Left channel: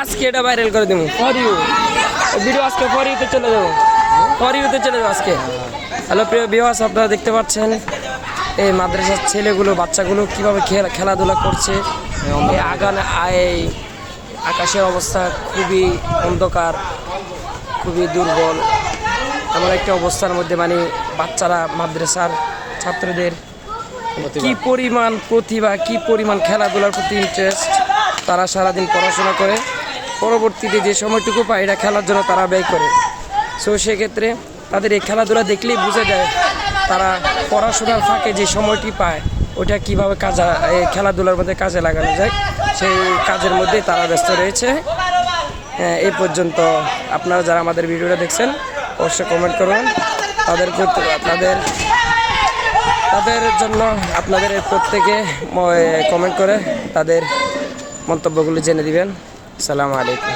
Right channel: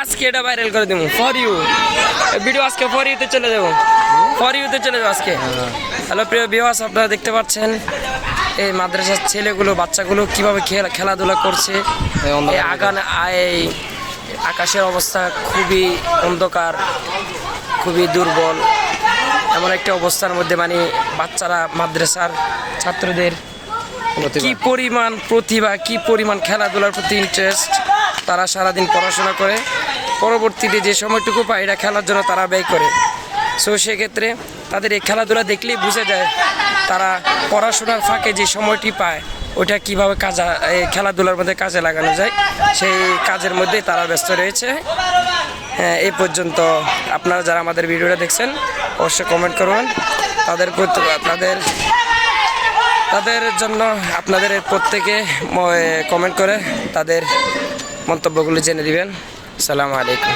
আজকে এটা ভাইরাল করে দেবো ফর ইউ ভিডিও, আজকে ফর ইউতে চলে যাবো, ফর ইউতে চলে যাবো আজকে। হ্যালো প্রিয় ভিউয়ার্স, আপনারা দেখতে পাচ্ছেন এই মাদ্রাসার ছেলেগুলো বাচ্চাগুলো কিভাবে খেলাধুলা করছে। এই আকাশের অবস্থা খুবই অন্ধকার, খুবই দুর্বল, এমন একটা অবস্থার মধ্যে মানে বাচ্চারা মাদ্রাসার ছাত্রদের কি পরিমাণ প্রতিভা, কি পরিমাণ খেলাধুলার প্রতি ইন্টারেস্ট, তারা সারাদিন পড়াশোনা করে পরবর্তীতে যে সময়টুকু পায় এটা খেলার জন্য তারা ব্যয় করে। সো সেক্ষেত্রে তাদের এই খেলাধুলা দেখলেই বোঝা যায় তারা পড়াশোনার ফাঁকে যে সময়টি পায় ওটা কীভাবে খেলাধুলার মধ্যে কাজে লাগানো যায়, সেই কাজের মধ্যেই তারা ব্যস্ত রয়েছে। এই পর্যন্ত আপনারা যারা আমাদের ভিডিওটা দেখছেন অবশ্যই কমেন্ট করুন, তাদের জন্য আপনাদের প্রত্যেকে কমেন্ট করে তাদের মন্তব্যগুলো জেনে দিবেন। আসসালামু আলাইকুম।